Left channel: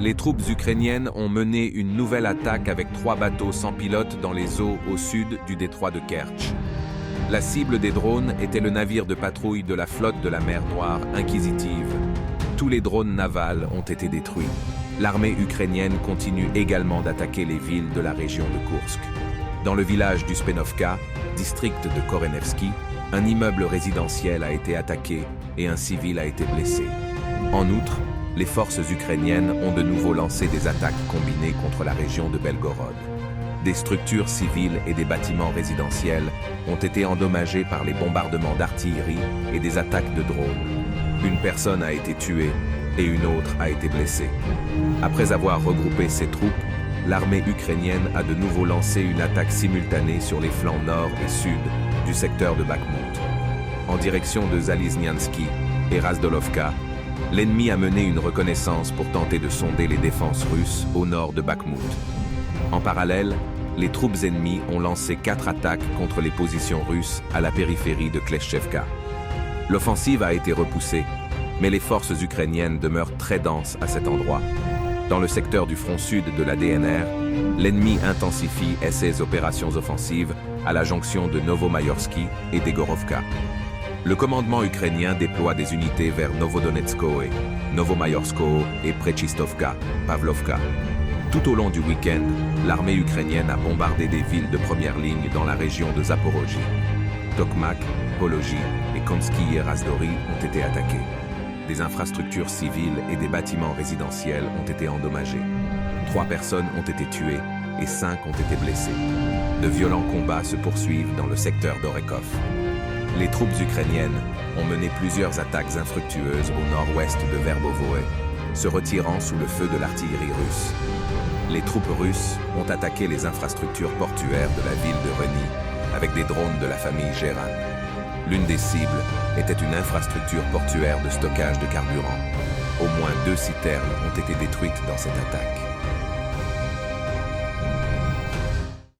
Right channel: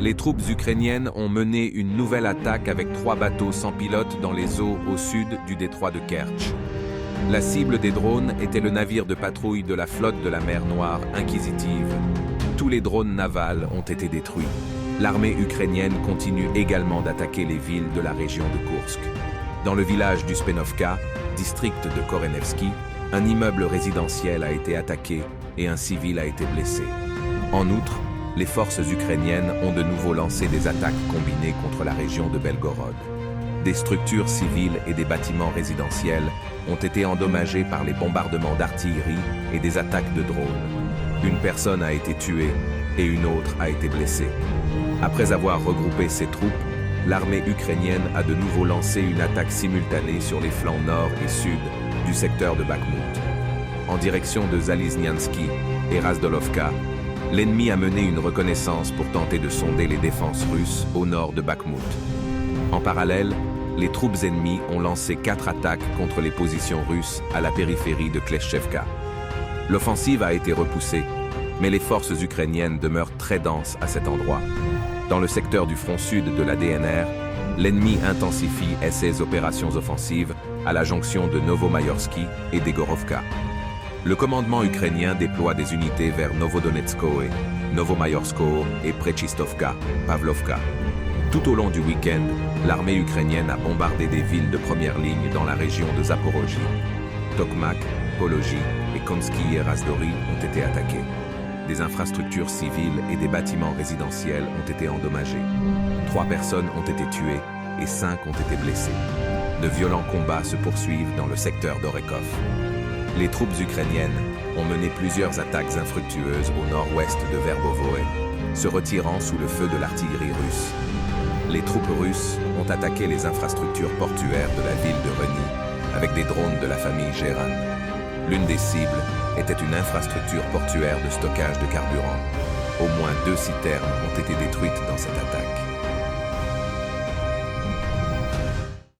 Les troupes ukrainiennes ont mené une nouvelle attaque avec 3 bateaux sans pilote dans les eaux au sud du détroit de Kertch. La cible des drones était le navire de patrouille de la flotte de la mer Noire, Inquisitive. Tous les drones navals ont été détruits. L'armée ukrainienne continue également d'attaquer les villes de la région de Koursk. Dans le village du Spenovka, district de Korenevski, un immeuble résidentiel a été attaqué et un civil a été blessé. En outre, les forces ukrainiennes ont de nouveau lancé des attaques combinées contre la région de Belgorod. Des structures civiles et des bâtiments résidentiels ont été endommagés par les bombardements d'artillerie et des attaques de drones. Une personne a été tuée et une autre a été blessée. Après avoir regroupé ses troupes, l'armée ukrainienne a de nouveau lancé une attaque simultanée sur les flancs nord et sud du secteur de Bakhmout. En direction de Zalizniansky et Razdolovka, l'ennemi a mené une reconnaissance pour tenter de sonder les défenses russes au nord de Bakhmout. En parallèle, les troupes ennemies ont lancé 4 attaques contre les positions russes à la périphérie de Kleshchevka. L'offensive a été repoussée, mais les forces ukrainiennes demeurent très denses à cet endroit. Dans le secteur du front sud de la DNR, l'ennemi intensifie ses opérations offensives à la jonction de Novomayorsky et d'Egorovka. Le commandement ukrainien déploie des unités vers Novodonetskoe, Novomayorsko et Prechistovka, Pavlovka. Tout au long du week-end, l'armée ukrainienne a bombardé des villes de première ligne dans la région de Zaporozhye. Tokmak, Pologie et Komsky et Razdori ont été attaqués. Des infrastructures civiles et des bâtiments résidentiels ont été endommagés. 3 personnes ont été tuées et 5 ont été blessées. De violents combats se poursuivent dans le secteur d'Orekov. Les troupes ukrainiennes ont mené plusieurs attaques infructueuses au nord-ouest de Verbovoe, se retirant sous le feu de l'artillerie russe. Les troupes russes ont attaqué les infrastructures portuaires de la ville de Reni avec des drones de la famille Geran. L'une des cibles était une infrastructure portuaire de stockage de carburant. Au moins 2 citernes ont été détruites dans cette attaque.